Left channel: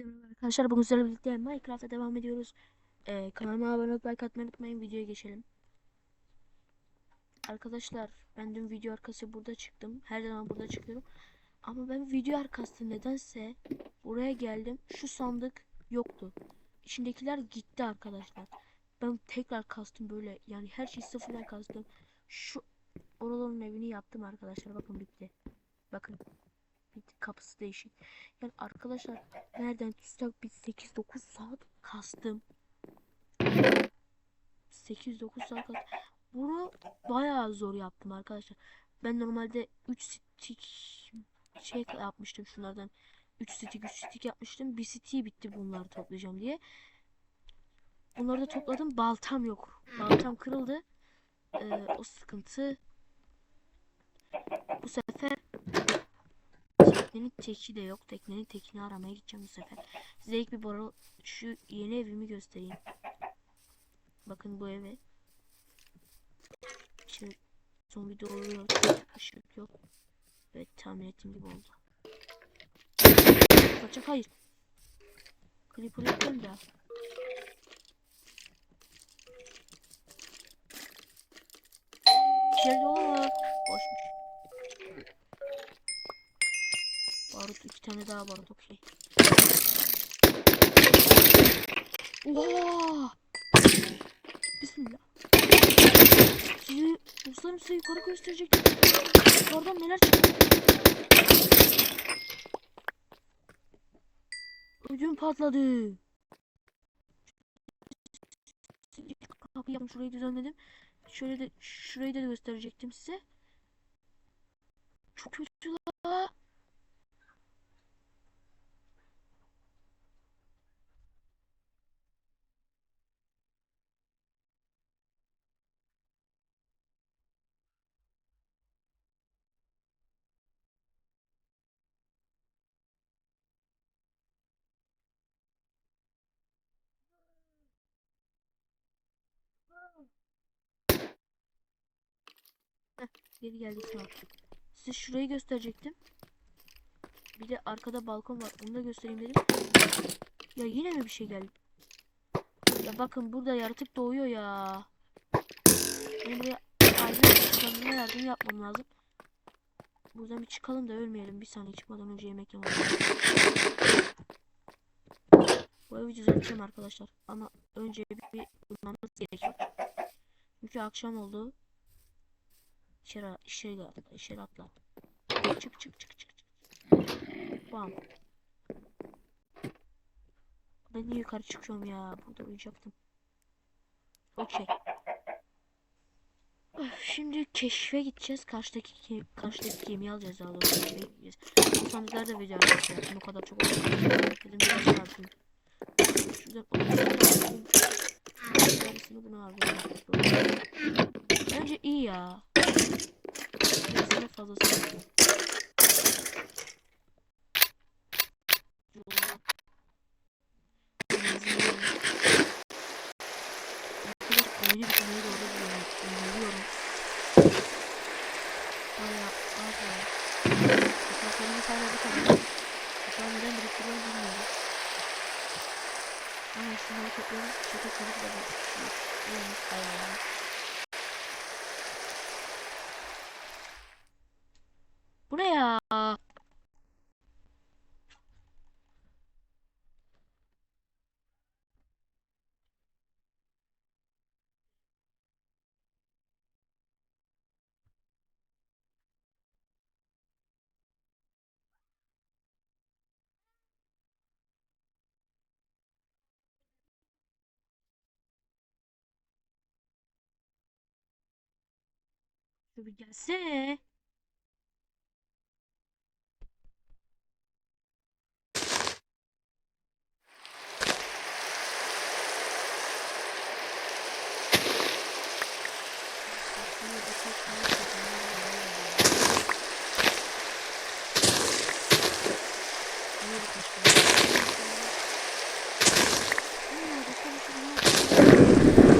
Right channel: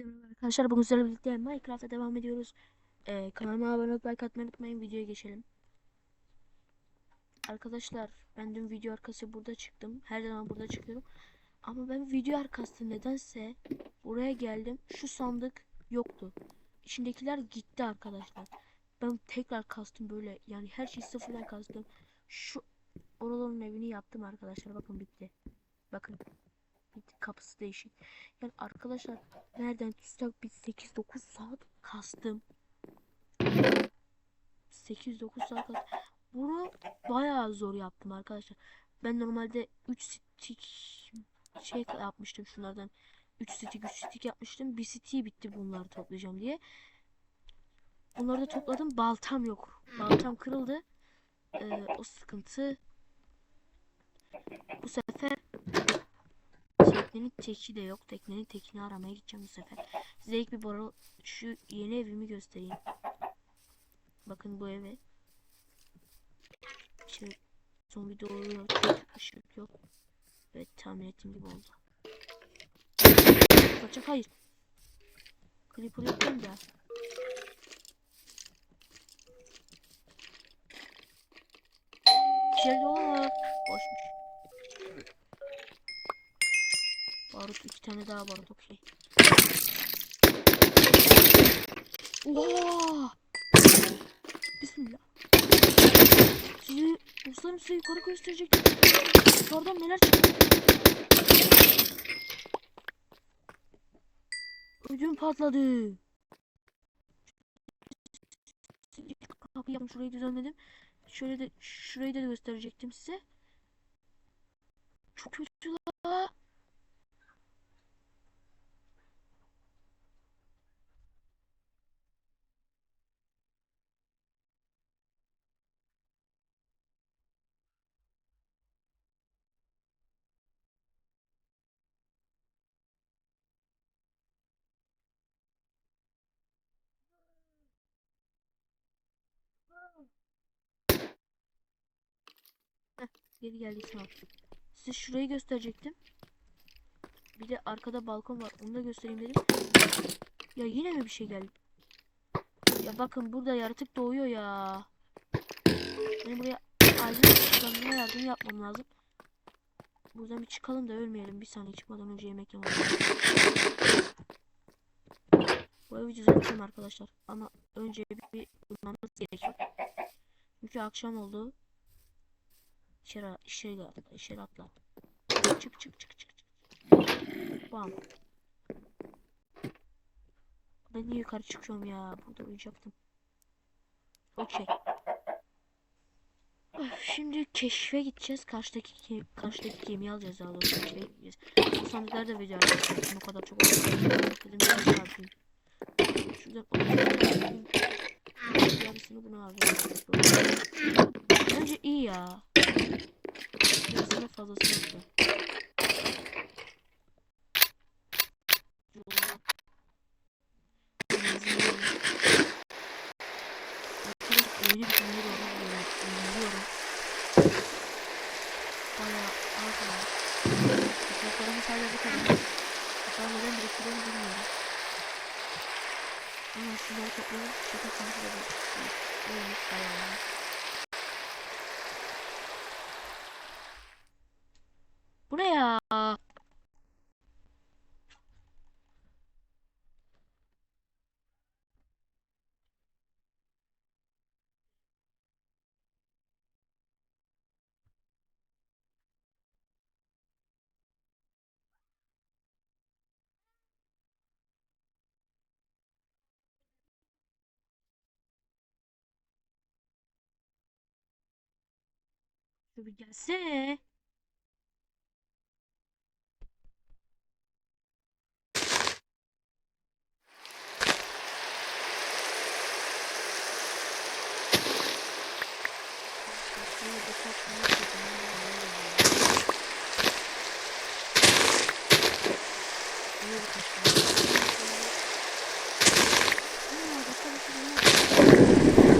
Hepinize merhaba arkadaşlar. Bugün sizlerle birlikte Minecraft'a devam ediyoruz. Ee, kanalıma abone olup like atmayı unutmayın. Videoya geçelim. Arkadaşlar ben dün video arkası burada çıktım. Her zaman burada çıkıyorum. Ama ben video arkası nedense buraya geldim. Şu sandık yoktu. İçindekiler gitti arkadaşlar. Ben tekrar kastım böyle. Yani her şeyi sıfırdan kastım. Şu oraların evini yaptım arkadaşlar. Bakın bitti. Bakın. Kapısı değişik. Yani arkadaşlar nereden tutsak bir 8-9 saat kastım. 8-9 saat kastım. Bunu bayağı zor yaptım arkadaşlar. Ben normalde 3 stick şey yapmıştım şunlardan. 3 stick 3 stick yapmıştım. Bir stick bitti bunları toplayacağım diye. Bunları da topladım. Baltam yok. Baltam kırıldı. Ee, o sıkıntı. Bu sefer Teknenin teki de yok. Teknenin tekini aramaya gideceğim bu sefer. Size ilk bir bora şu yeni evimi göstereyim. Bakın bu eve. Şimdi son videoda yok. Işık yok. Evet tahmin ettiğim gibi oldu. Kaçak hayır. Creeper yapayım da. İçeride olur. Boşmuş. Barut iki tane daha barut okey. Oha! Bismillah. Sizi dostlarım size yukarı gösterecektim. Yukarıdan neler çıktı? Ödüm patladı. Kapıyı yaptım şurayı düzenledim. Şöyle de şurayı da gösterecektim size. Çok kötü la. Geri geldi sağ ol. Size şurayı gösterecektim. Bir de arkada balkon var. Onu da göstereyim dedim. Ya yine mi bir şey geldi? Ya bakın burada yaratık doğuyor ya. Benim buraya acil yardım yapmam lazım. Buradan bir çıkalım da ölmeyelim. Bir saniye çıkmadan önce yemek yemem. Bu evi düzelteceğim arkadaşlar. Ama önce bir, bir uyumamız gerekiyor. Çünkü akşam oldu. İçeri, içeri atla, içeri atla. Çık çık çık çık çık. Bam. Ben niye yukarı çıkıyorum ya? Burada uyuyacaktım. Okey. Şimdi keşfe gideceğiz. Karşıdaki karşıdaki gemiyi alacağız daha doğrusu. Keşfe gideceğiz. Bu sandıklar da video yaptım. O kadar çok oldu. Dedim biraz daha yapayım. Şuradan 30 tane aldım. Yarısını buna aldım. Bence iyi ya. Fazlası yok. Oyunu bitirmeye doğru yöneliyorum. Bayağı az var. Topraklarımız hala bu kadar. Toprağı neden biriktiriyorum bilmiyorum. Ama şunları toplayalım. Şirket sonucu da bir şey olmuş. Bayağı olmuş. Bu ne ya? Şu bir gelsene. Şimdi birkaç minut dediğim bir hale geliyor. Niye birkaç minut? Şimdi... Hmm, dakika başı bir minut.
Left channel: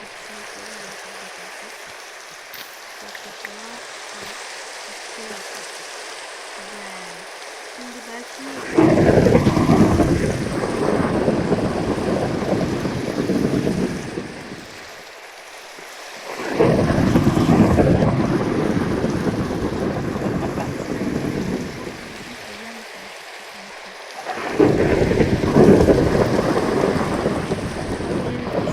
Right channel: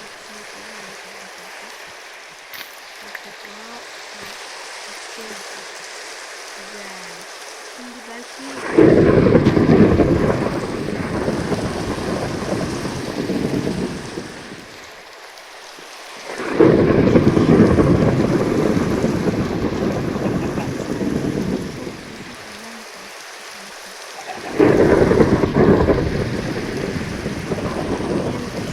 Hepsini yapıyorum. Yarısını da kalsın. Çok topla. Tamam. Bir şey yapayım. Güzel. Şimdi belki Lütfen bu short videosunu evlenmesin. Evden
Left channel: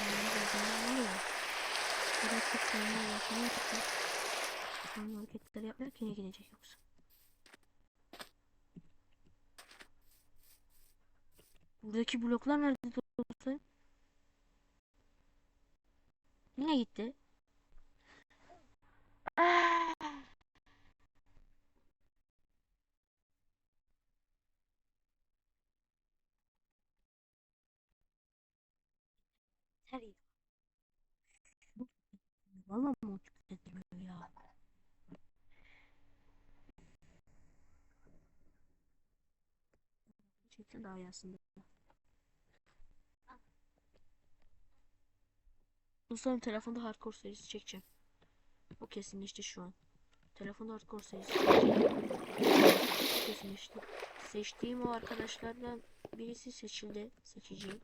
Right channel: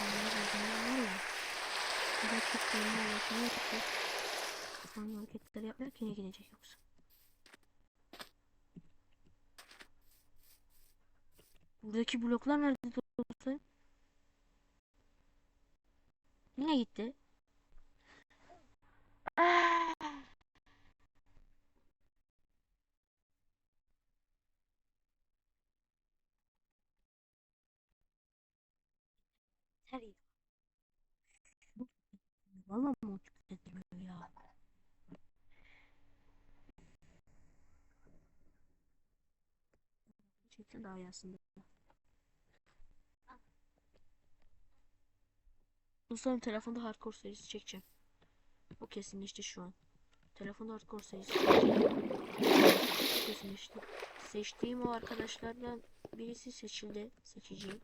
Onlar yüzünden var ya. O kadar çok dolma ulaşmıyor ki. Şu yine gidecek yoksa. Buradaki bloklar nerede dostlarım? Yine gitti. Aa! Her Valla mı ya? Aslında. Dostlarım telefonda hardcore serisi çekeceğim. O kesinleşti şu an. Telefonda hardcore serisi çekeceğim. Kesinleşti. Seçtiğim o arkadaşlardan birisi seçildi. Seçeceğim.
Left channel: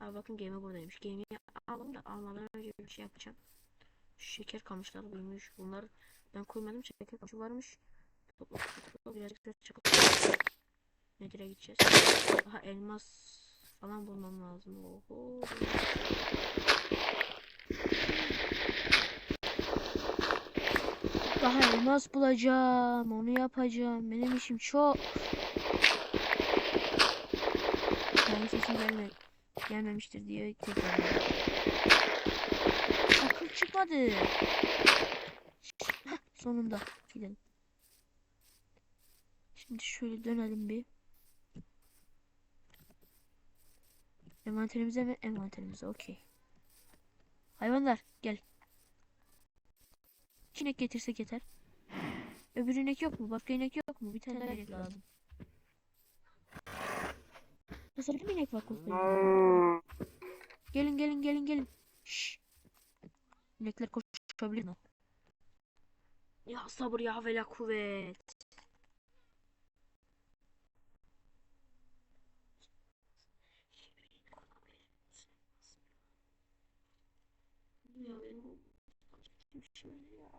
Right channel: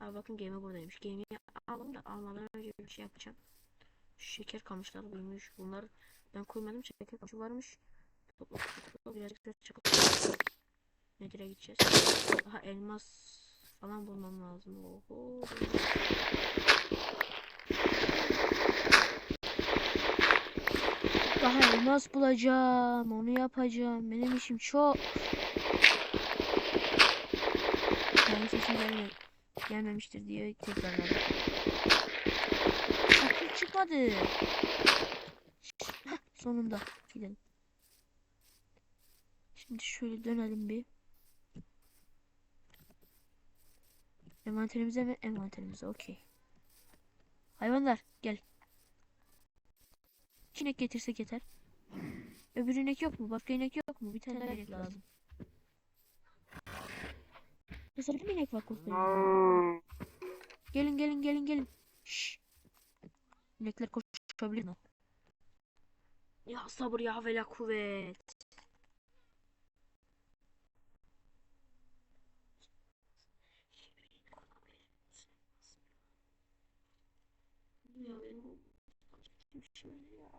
Aa bakın gemi buradaymış. Gemiyi alalım da almadan önce bir şey yapacağım. Şeker kamışları büyümüş. Bunlar ben koymadım. Şeker kamışı varmış. Topla topla. Birazcık çıkıp Nedir'e gideceğiz. Daha elmas falan bulmam lazım. Oho. Daha elmas bulacağım. Onu yapacağım. Benim işim çok. Yani sesim gelmiyor gelmemiştir diye tekrar Sakın çıkmadı. Sonunda gidelim. Şimdi şöyle dönelim bir. Envanterimize mi? Envanterimize okey. Hayvanlar gel. İnek getirsek yeter. Öbür inek yok mu? Başka inek yok mu? Bir tane daha inek lazım. Mesela bir inek var koskocaman. Gelin gelin gelin gelin. Şşş. İnekler koşabilir mi? Ya sabır ya ve la kuvvet. Ya benim şimdi ya.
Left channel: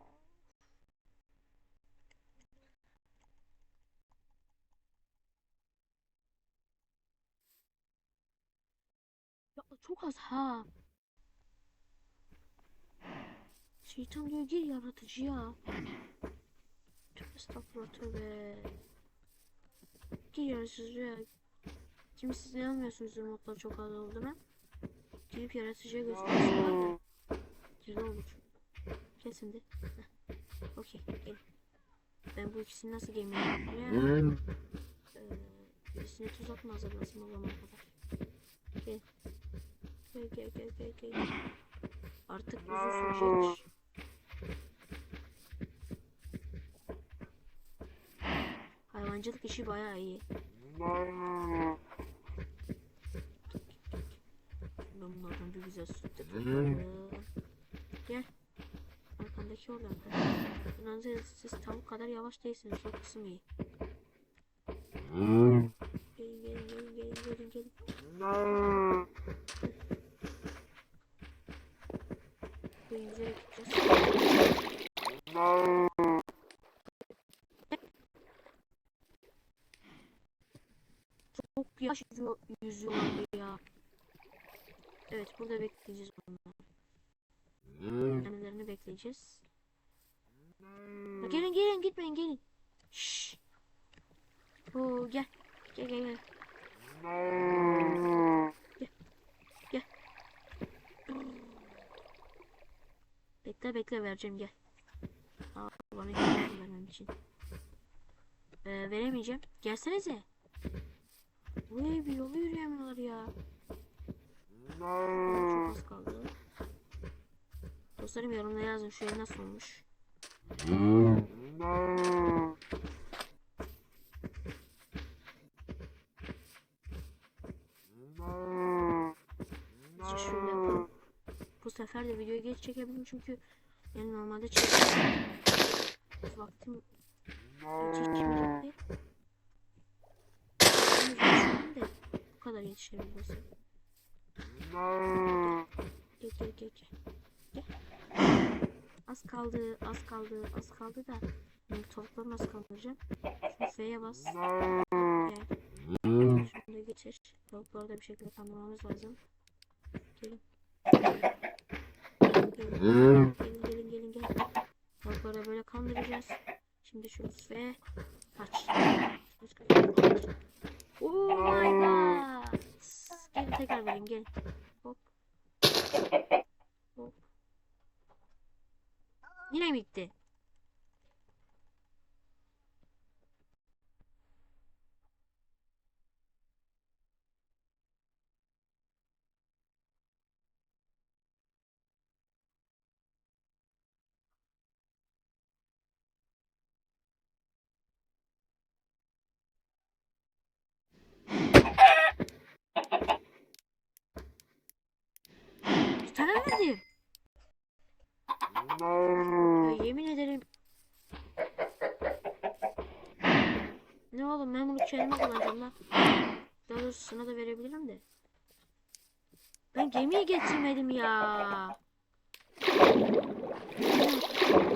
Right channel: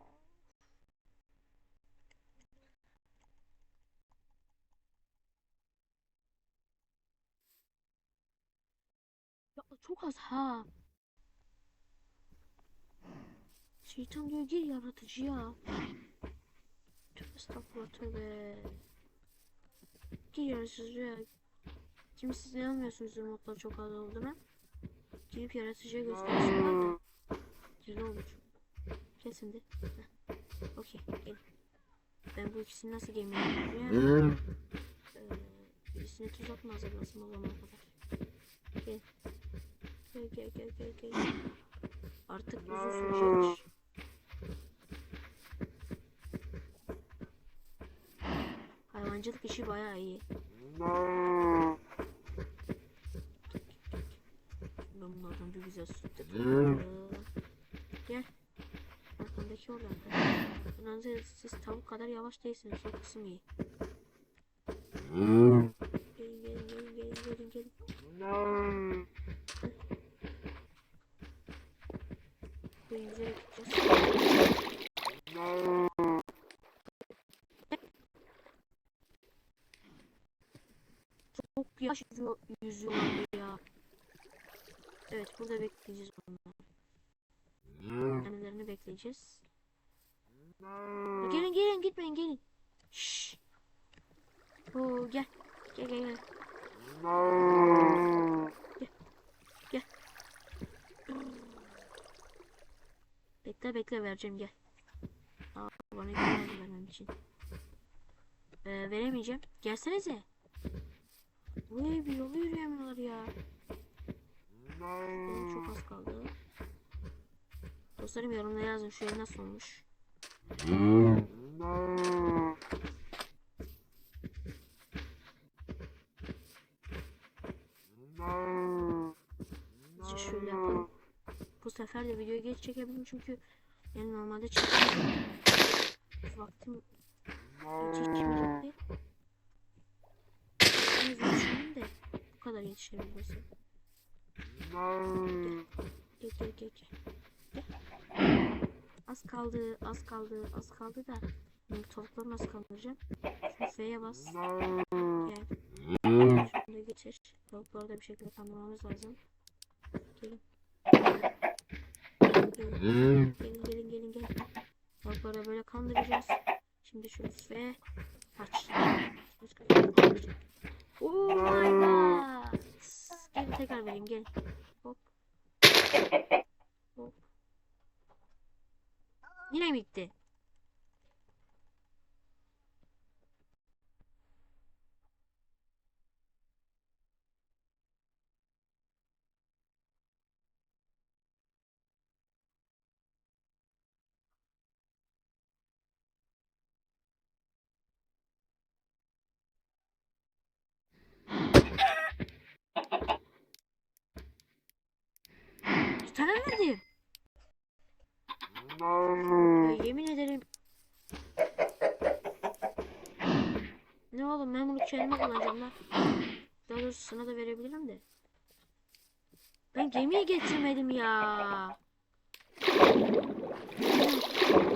Ya çok az ha. Şeytan diyor gir yaratıcı ya. Tövbe estağfurullah tövbe. Gir yaratıcı ya. Siz inanmıyorsunuz modda çok az olduğuna. Girip yaratıcıya gösterisi var da. Kesin de. Heh. Okey gelin. Ben bu ikisini nasıl gemiye yapacağım? Ee, birisine tuzak mı hazırlasın o zamana kadar? Gel. Gel gel gel gel gel. Artık uzun sürecek. Hayvancılık işi bayağı iyi. Ben bunlardan bir güzel süt de topladım. Gel. Arkamdaki oradan. Siz, siz tavuk kadar yavaş değilsiniz. O kısım iyi. Gelin gelin gelin gelin gelin gelin. Bu yüzeye gideceğiz. Çok yavaş yüzüyor, yüzüyorlar ya. Evet burada bekleyeceğiz onları. Annelerini bekleyeceğiz. Gelin gelin gitmeyin gelin. Şşş. Oo gel. Gel gel gel. Gel. Gel. Bekle bekle vereceğim gel. Aa, bana iki verdi vermem için. Ee, veremeyeceğim. Gelsenize. Buraya bir yolu yürüyemiyorlar ya. Çok az kaldı. Dostlarım yorumlara yazın şu ev nasıl olmuş. şöyle yapalım. Bu sefer de videoyu geç çekebilirim çünkü yani normalde çekmiyorum. Vaktim. Biraz düşündüm de bu kadar gel gel gel. Gel. Az kaldı, az kaldı, az kaldı da Şimdi tavukları nasıl kaldıracağım? Şu F'ye bas. Gel. Şunu da getir. Tavukları da bir şekilde kandırmamız lazım. Gelin. Gelin, gelin, gelin, gelin, gelin. Tavukları böyle kandıracağız. Şimdi şu F aç. Oh my god. Gelin tekrar vereyim, gelin. 南って。サラマジ Yemin ederim. Ne oğlum ben bunu kendime kullanacağım lan. Daha doğrusu sana da verebilirim de. Ben gemiyi getirmedim ya.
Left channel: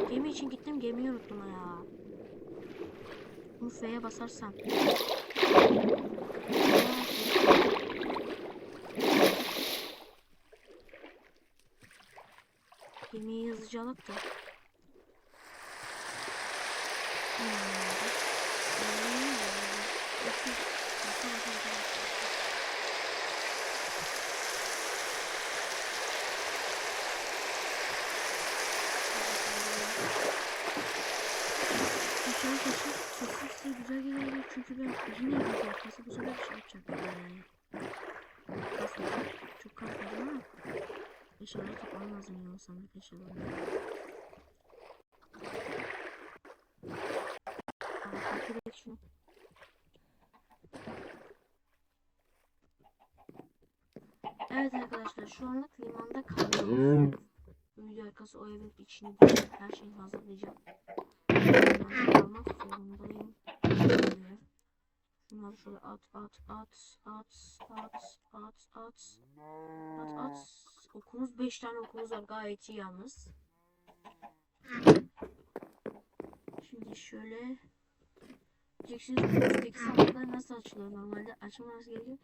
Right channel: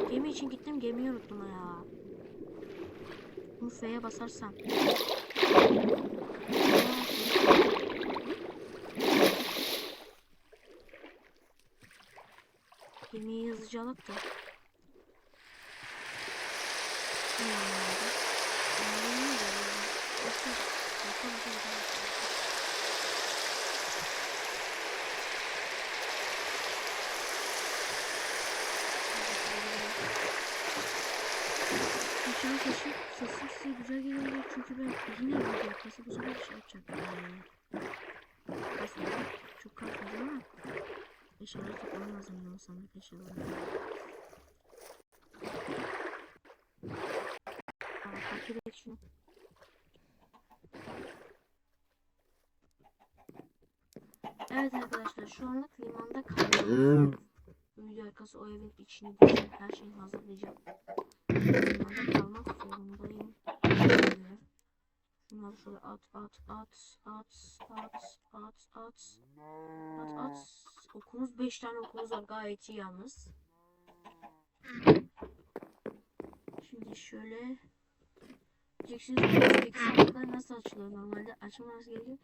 Gemi için gittim gemiyi unuttum ya. Bunu F'ye basarsam. Yemeği hızlıca alıp da. Ne anladım? Yemeği sesi, sesi size güzel gelecek çünkü ben yine video yapması bu sefer şey yapacağım. Ee, kasmayacağım. Çok kasmayacağım ama eşyaları toplamam lazım sandık eşyalarını. Aa, takip et. Evet arkadaşlar şu anlık limanda kalıyoruz. Video arkası o evin içini dışını her şeyi hazırlayacağım. Limanda kalmak zorundayım. Şöyle. Şunları şöyle at at at at at at at at at. Okumuz 5 tane okumuz var gayet iyi yalnız. Şimdi şöyle diyeceksiniz peki sandıklar nasıl açılıyor normalde açılması gerekiyor.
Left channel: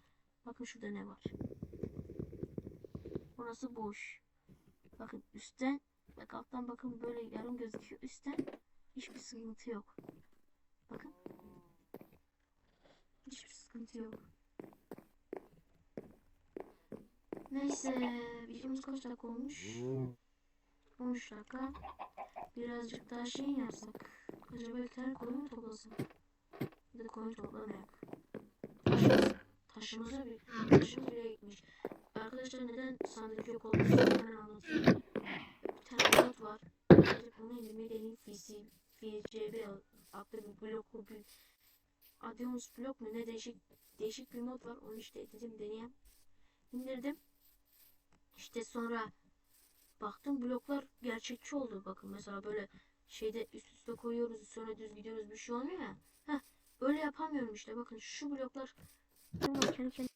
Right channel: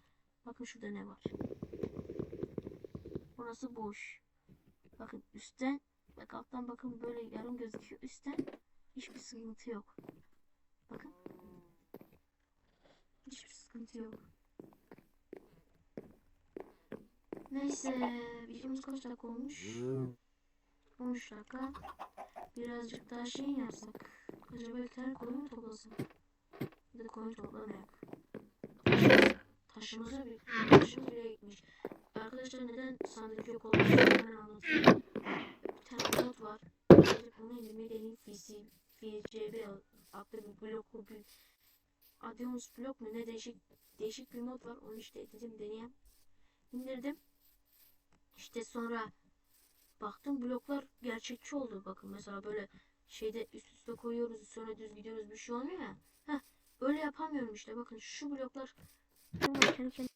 Bakın şurada ne var. Burası boş. Bakın üstten bak alttan bakın böyle yarım gözüküyor. Üstten hiçbir sıkıntı yok. Bakın. Hiçbir sıkıntı yok. Neyse videomuz kaç dakika olmuş? 13 dakika. Birazcık daha şey yapsak. Acaba bir tane koyun mu toplasın? Bir de koyun toplamayak. Taşımız, taşımıza bir taşımız bile gitmiş. Arkadaşlar neden sandık yok olduğunu hemen anlatayım. Bir tane mod var. Bunu indirmeyi deneyim. FCB adlı bir blok bu bir Adios blok mu ne değişik değişik bir mod var. Onu işte dedim deneyeyim. İndirdim. İşte sonra baktım bloklar gerçekçi oldu. Bakın mesela böyle şeyde üst üste koyuyoruz sonra düz gidiyoruz bir şey olmuyor ya. Heh, öyle yapamıyorum işte. Bakın şu bloklar durmuyor kendi kendine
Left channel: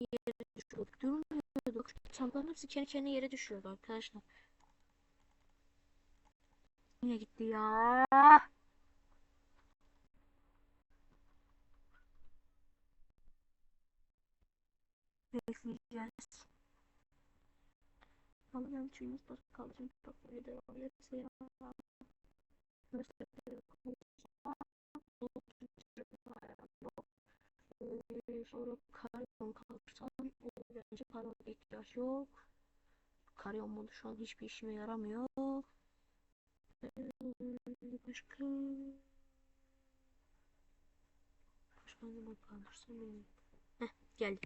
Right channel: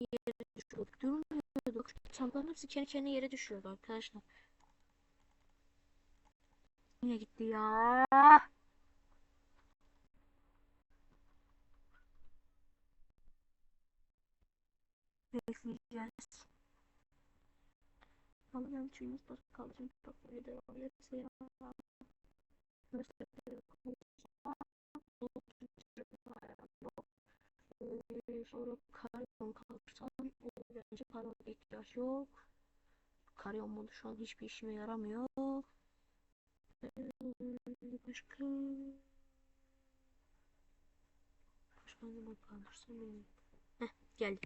yere düşüyor. Durmuyordu. Sandıkların hepsi kendi kendine yere düşüyordu arkadaşlar. Yine gitti ya. Bekleyeceğiz. Alacağım çünkü bak kalacağım çok böyle devam ederse ya. Sonra karyon kalırsam bence karyon ihtiyaç yok. Karyon modu şu an hiçbir işime yaramıyor. Başka Başka ne kalırsam bilmiyorum. Heh geldi.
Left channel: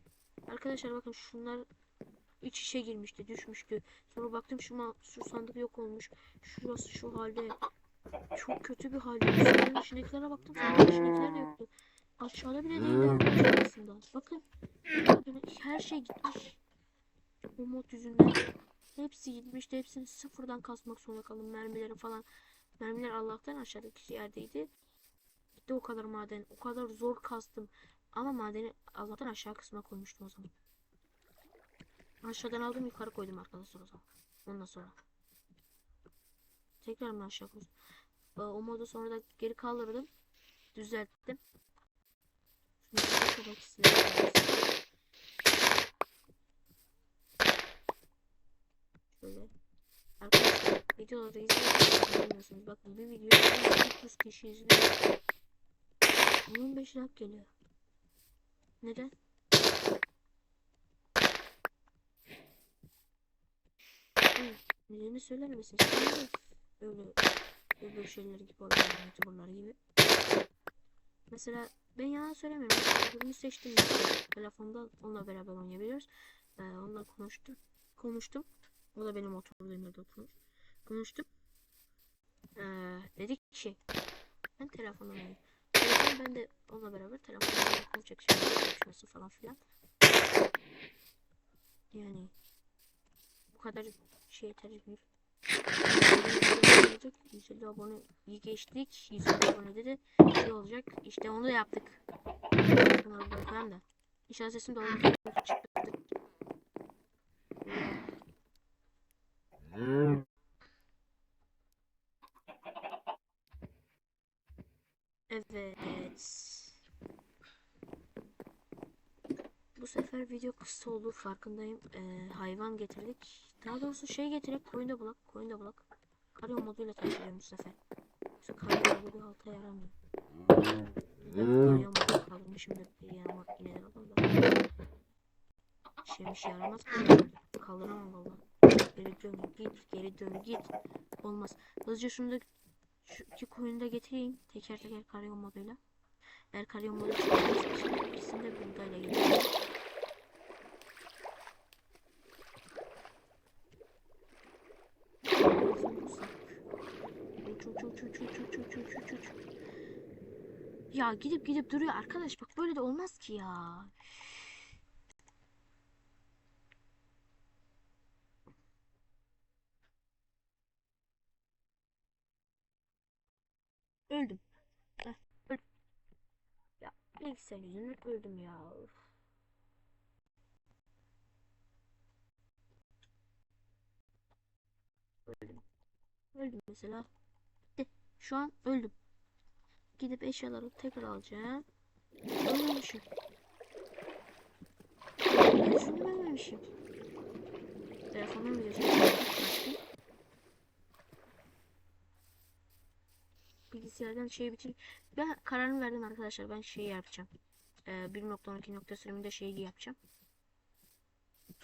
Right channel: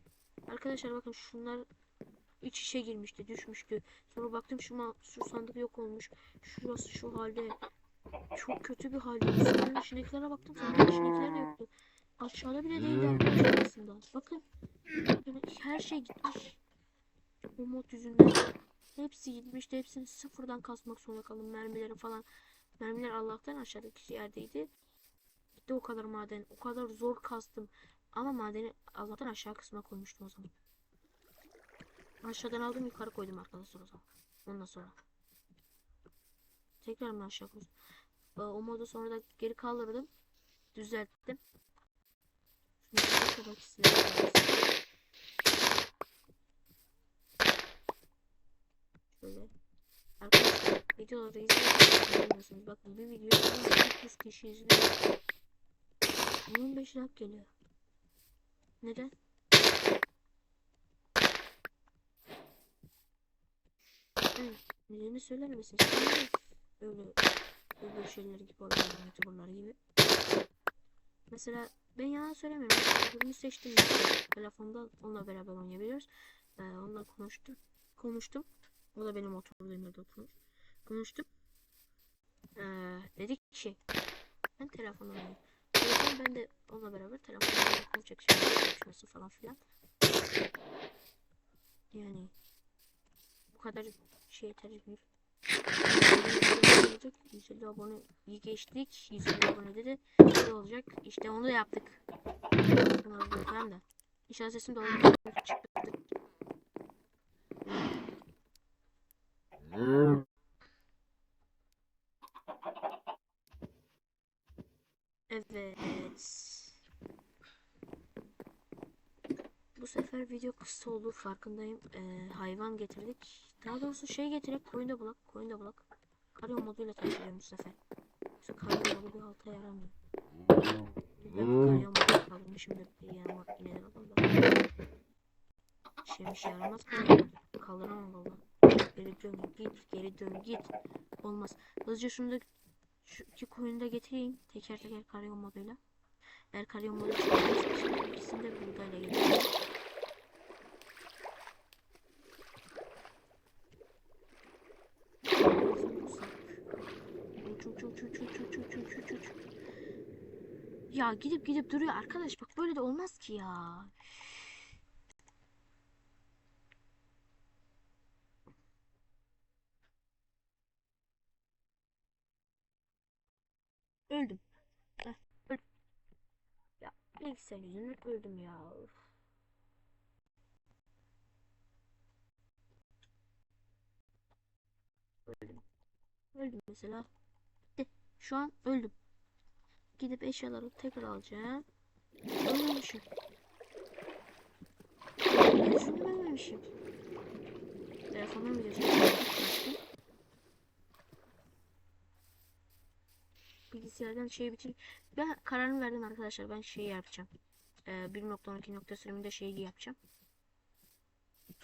Arkadaşlar bakın şunlar iç içe girmişti, düşmüştü. Sonra baktım şu, şu sandık yok olmuş. Şurası şu halde. Çok kötü bir halde. Sandığın içindekilere baktım. Sandığın içindekiler de yoktu. Aşağıda bile değildi arkadaşlar aslında. Bakın. Yani her şey gitmiş. O mod yüzünden hepsi gitmişti. Hepsini sıfırdan kasmak zorunda kaldım. Mermileri falan. Mermiler Allah'tan aşağıdaki yerdeydi. Gitti o kadar maden. O kadar zor kastım. Ama madeni Allah'tan aşağı kısma koymuştum o zaman. Aşağıdan aldım yukarı koydum arkadaşlar o zaman. Ondan sonra. Tekrar mı aşağı koydum? Ee, O modu sonra da geri kaldırdım. Düzelttim. Şöyle. Arkadaşlar videoları izliyorsunuz. Bakın bir video 300 kişi izliyor. 15 like geliyor. Neden? Nedenini söyler misin? Öyle öbür şeyler gibi olan youtuberlar gibi. Mesela ben yalan söylemiyorum. Öbürünü seçtim. Telefonda onunla beraber oynayabiliyoruz. Ee, onunla konuştum. Konuştum. O da benim oturduğum yerde oturmuş. Konuştum. Ee, dedik ki ben telefonla oynayayım. Ben de onunla beraber telefonla telefon çekişmesi, çekişmesi falan filan. Yani bu kadar şey yeterli bir 150 abone iyi geçtik. 150 abone de iyi olacak. İşte onu da yaptık. Bunları koyayım da. İnşallah sesim doğru çıktı. Evet. Bu sefer video kısa olur farkındayım. Ee, hayvan getirdik. Daha doğrusu şey getirip koyunda bulak. Koyunda bulak. Karyo moduyla taşıyorum bu sefer. Yoksa karyo modu bir halta yaramıyor. Bir dakika karyo modu kaldırmışım da bir yanıma yine de alalım da. Şeymiş yaramaz karyo modu. Kaldıramam valla. Geri dön git. Geri dön git. Olmaz. Hızlıca şunu da şu iki koyunu da getireyim. Teker teker karyo moduyla. Eğer karyo modu çıkarsa ikisini de buğdayla getireyim. Ya gidip gidip duruyor arkadaş bak böyle de olmaz ki ya. Öldüm. Heh, öldüm. Ya bilgisayar yüzünden öldüm ya. Öldüm. Öldüm mesela. Bitti. Şu an öldüm. Gidip eşyaları tekrar alacağım. Ölmemişim. Düşündüm ölmemişim. Telefonum çektim. Bilgisayardan şey bitir. Ben kararımı verdim arkadaşlar. Ben şeyi yapacağım. Ee, 1.12 nokta sürümünde şeyi yapacağım.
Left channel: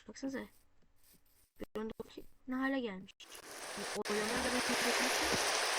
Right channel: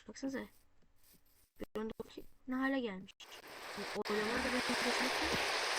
Baksanıza. 1.12 ne hale gelmiş. O oylamalar da benim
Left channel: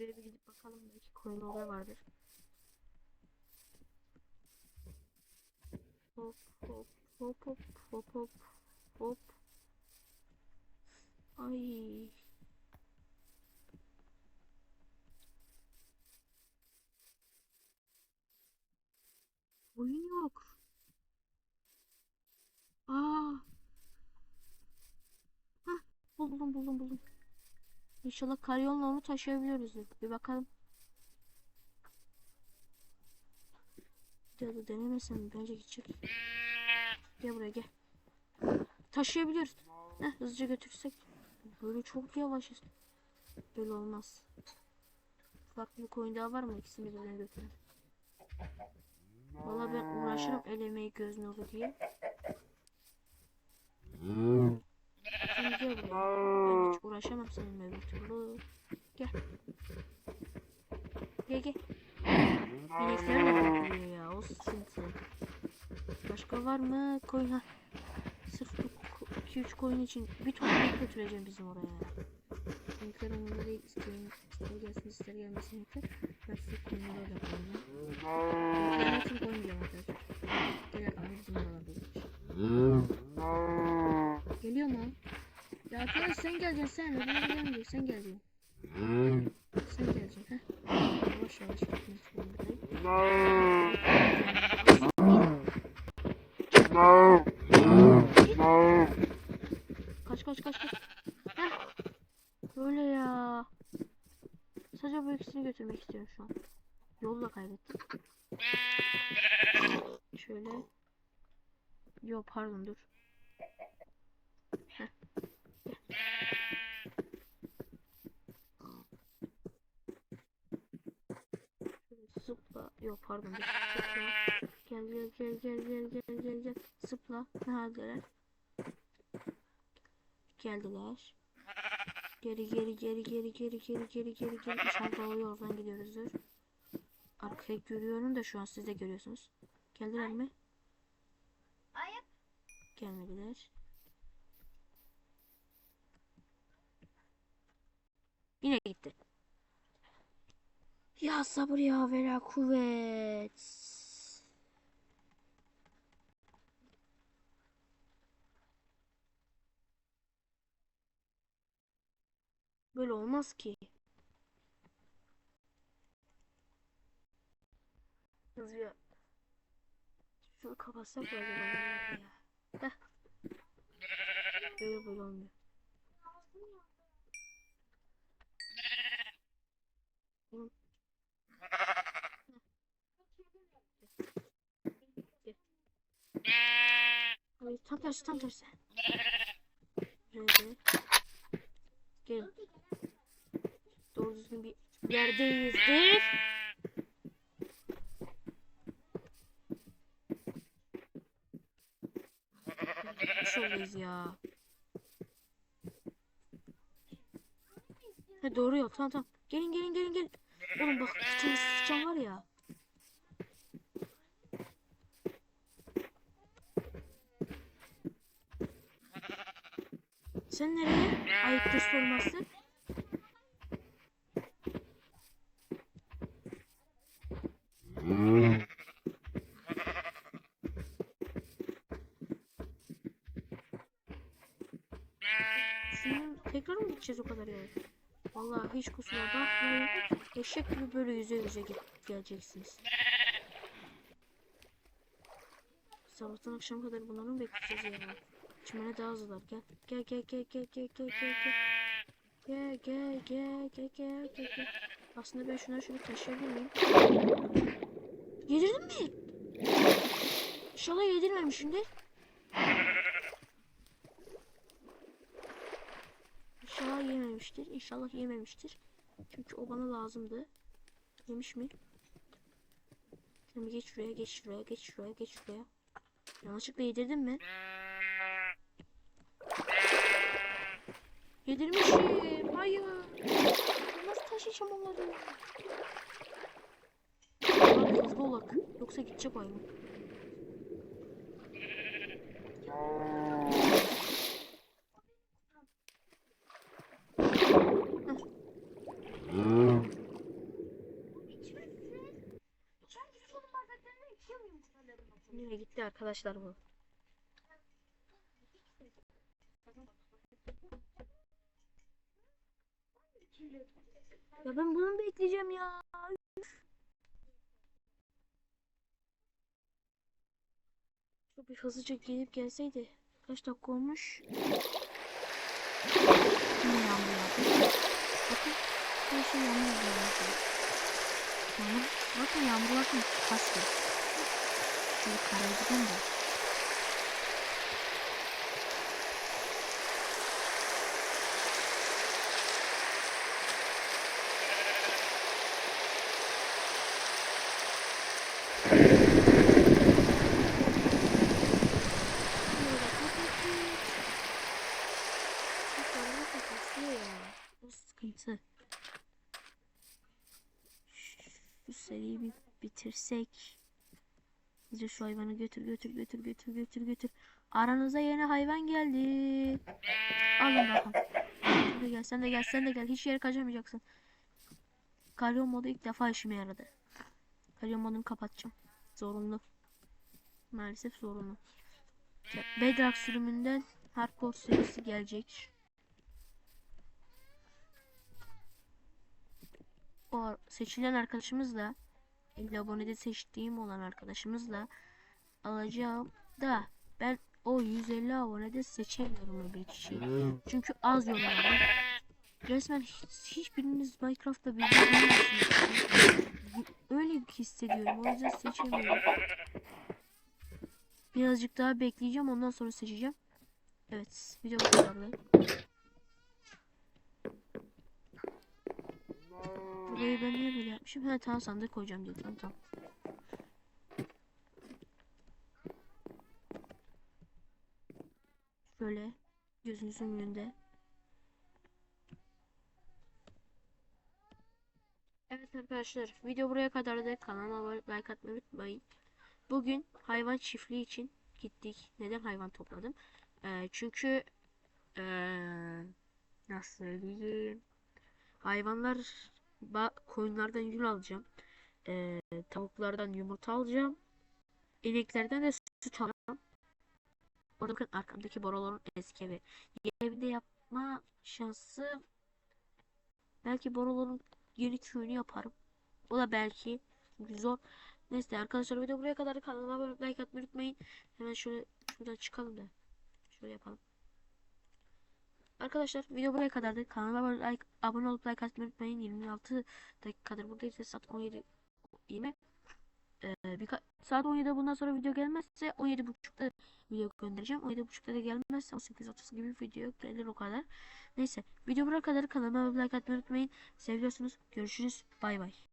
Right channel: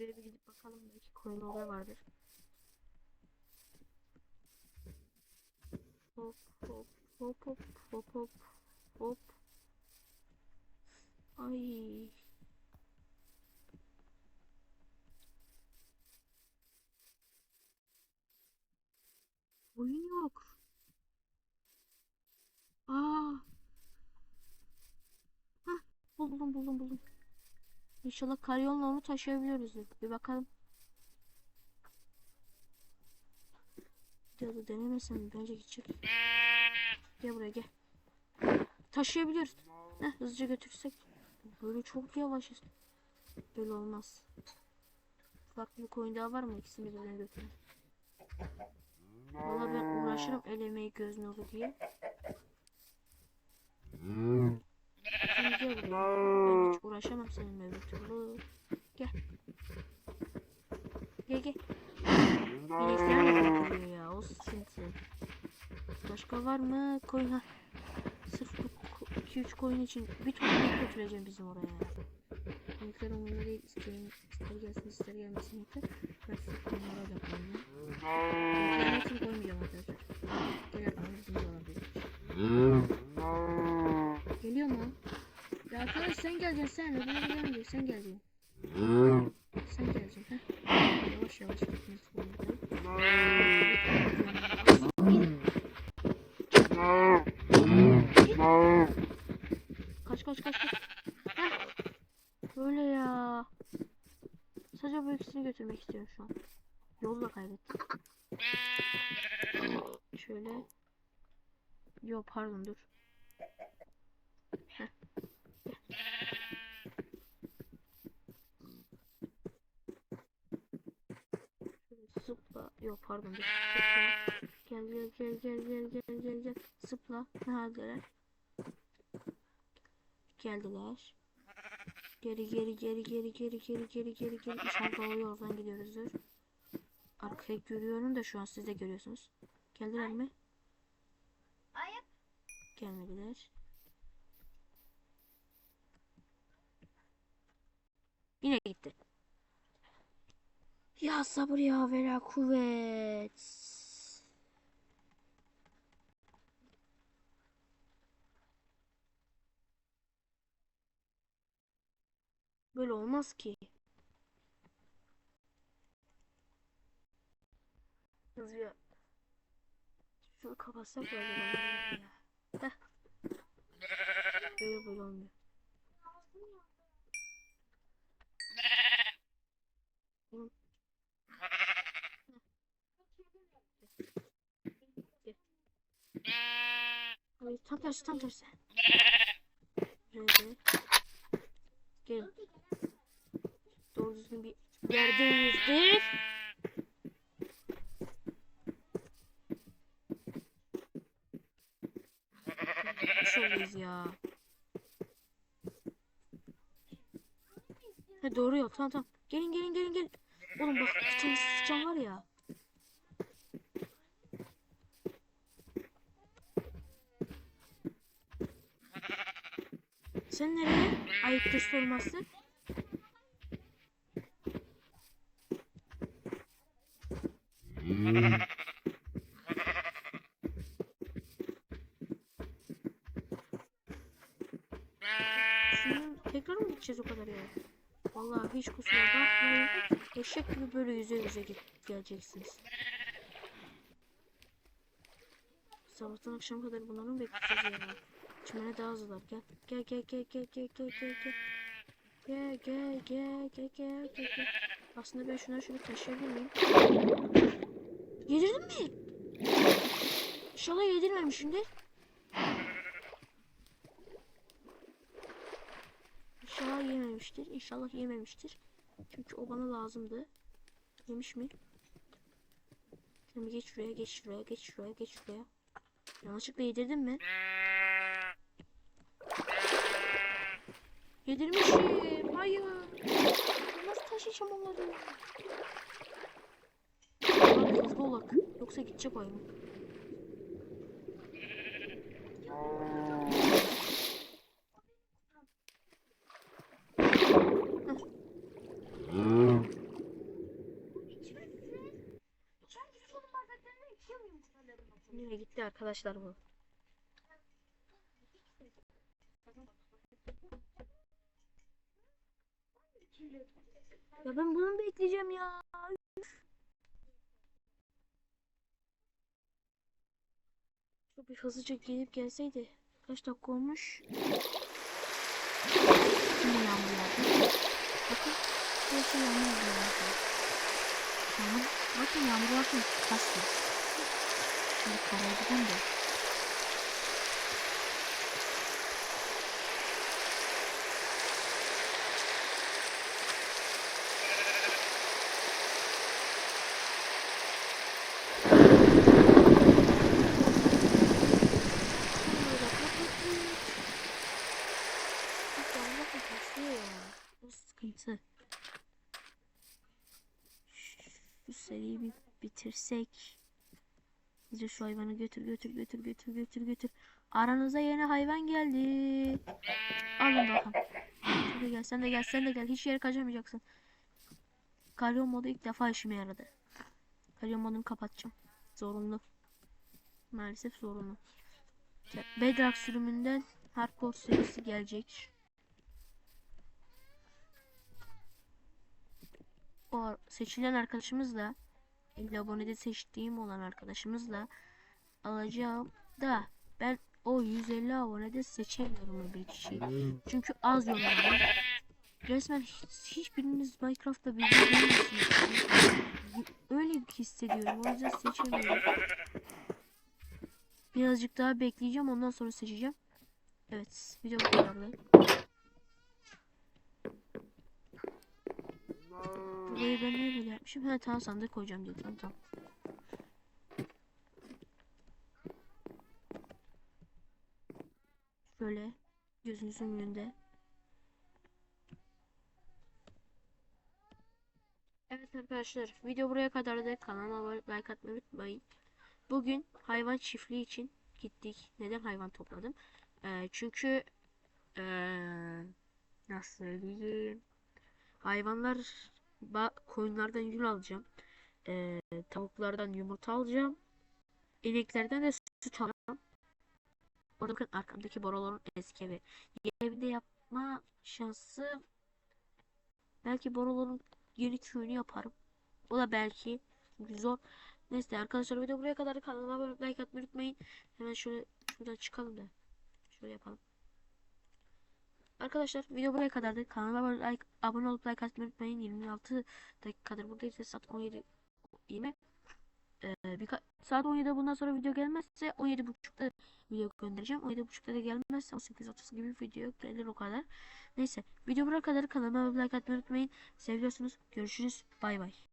Böyle bir gidip bakalım belki coin olur vardır. Hop hop hop hop hop hop hop. Ay. Oyun yok. Aa. Hah, buldum buldum buldum. İnşallah karyonla onu taşıyabiliyoruz. Bir bakalım. Ya da denemesem bence gidecek. Gel buraya gel. Taşıyabiliyoruz. Heh, hızlıca götürsek. Böyle çok yavaşız. Böyle olmaz. Farklı bir koyun daha var mı? İkisini birden götürün. Valla ben uğraşırım el emeği göz nuru diye. Sen gel buraya. Ben hiç uğraşamam seninle öbür türlü. Gel. Gel gel. İnekler de geliyor ya. O sıkıntı. Başka var mı? Koy ha. Sırf bu ko- 2-3 koyun için bir ton götüreceğim bizim oraya ya. Linkler onunla değil isteyen ister gelsin ister gelmesin linkler. Ben full koyunlara odaklanacağım. Linklerin hepsini koymayacağım arkadaşlar. Gel bakalım bizim oralarda görüşürüz. Geliyor mu? Ya arkadaş sen geleceksin sen. Öbürü gelmeyecek sen geleceksin. Sen geleceksin ha. Yavaş yavaş gitmek zorundayım. Kaç kaç kaç kaç. Heh. Böyle ya. Sadece bu ikisini götürmek istiyorum şu an. Yolu da kaybettim. Şöyle. Yo pardon dur. Heh. Zıpla. Yo pardon dur. Gel gel gel gel gel gel gel gel. Zıpla. Neredeler? Geldiler. Geri geri geri geri geri geri geri geri geri. İnşallah doğru yoldan gidiyoruzdur. Arkayı görüyorum da şu an siz de görüyorsunuz. Geldiler mi? Gelmediler. Yine gitti. Ya sabır ya vera kuvvet. Böyle olmaz ki. Hızlı ya. Şunu kapatsak mı acaba ya? Heh. Böyle böyle olmuyor. Tam tersi tam tersi. Şöyle. Gelin. Doğru düzgün bir yerdeyizdir. Şöyleyiz ya. Yol tamam tamam. Gelin gelin gelin gelin. Oğlum bak tane sıçan var ya. Sen nereye? Ayıptır sorması. Şimdi tekrar mı gideceğiz o kadar yol? Vallahi hiç kusura bakmayın. Eşek gibi böyle yüze yüze git geleceksiniz. Sabahtan akşam kadar bunları mı bekleyeceğiz ya? Çimene daha hızlılar. Gel. Gel gel gel gel gel gel gel gel. Gel gel gel gel gel gel gel. Aslında ben şuna şunu taşıyabilir miyim? Yedirdin mi? İnşallah yedirmemişimdir. İnşallah yememiştir. İnşallah yememiştir. Çünkü o bana lazımdı. Yemiş mi? Bir geç şuraya, geç şuraya, geç şuraya, geç şuraya. Yanlışlıkla yedirdin mi? Yedirmişim. Hayır. Nasıl taşıyacağım onları? Hızlı olak. Yoksa gidecek oyun. Nereye gitti arkadaşlar bu? Ya ben bunu bekleyeceğim ya. Şu bir hızlıca gelip gelseydi. Kaç dakika olmuş? Yine yağmur yağdı. Bakın her şey yağmur yağıyor. Yağmur, bakın yağmur varken kasıyor. Şimdi karaya giden de. Yağmuru da kapattık. Bakın kasıyor ya. Bu sıkıntı. Şu seriyi bir bitirsek. Hızlıca şu hayvanı götür götür götür götür götür götür. Aranıza yeni hayvan geldi. Alın bakalım. Sen de gel, sen de gel, sen de gel. Hiç yere kaçamayacaksın. Kalyon modu ilk defa işime yaradı. Kalyon modunu kapatacağım. Zorunlu. Maalesef zorunlu. Bedrock sürümünden Hardcore serisi gelecek. O seçilen arkadaşımızla 50 abonede seçtiğim olan arkadaşımızla alacağım da ben o 150 abonede seçemiyorum öbür kişiyi. Çünkü az yorum var. Resmen hiç, hiçbiriniz Minecraft'ta bilmiyorsunuz. Öyle hissediyorum. O yüzden seçemiyorum. Birazcık daha bekleyeceğim. Ondan sonra seçeceğim. Evet. Video bu kadardı. Burayı ben niye böyle yapmışım? Ha tamam sandık koyacağım diye. Tamam. Şöyle gözünüzün önünde. Evet arkadaşlar video buraya kadar da kanalıma like atmayı unutmayın. Bugün hayvan çiftliği için gittik. Neden hayvan topladım? Ee, çünkü ee, nasıl söyleyeyim? Hayvanlar ba koyunlardan yün alacağım. Ee, tavuklardan yumurta alacağım. İneklerden de süt alacağım. Orada bakın arkamdaki boruların eski evi. Yeni evde yapma şansı belki boruların yeni köyünü yaparım. O da belki çünkü zor. Neyse arkadaşlar video buraya kadar kanalıma abone like atmayı unutmayın. Hemen şöyle şuradan çıkalım da. Şöyle yapalım. Arkadaşlar video buraya kadardı. Kanalıma like, abone olup like atmayı unutmayın. 26 dakikadır buradayız. Saat 17 20. Ee, birkaç saat 17'de bundan sonra video gelmezse 17.30'da video göndereceğim. 17.30'da da gelmezse 18.30 gibi video gelir o kadar. Neyse video buraya kadar kanalıma like atmayı unutmayın. Seviyorsunuz. Görüşürüz. Bay bay.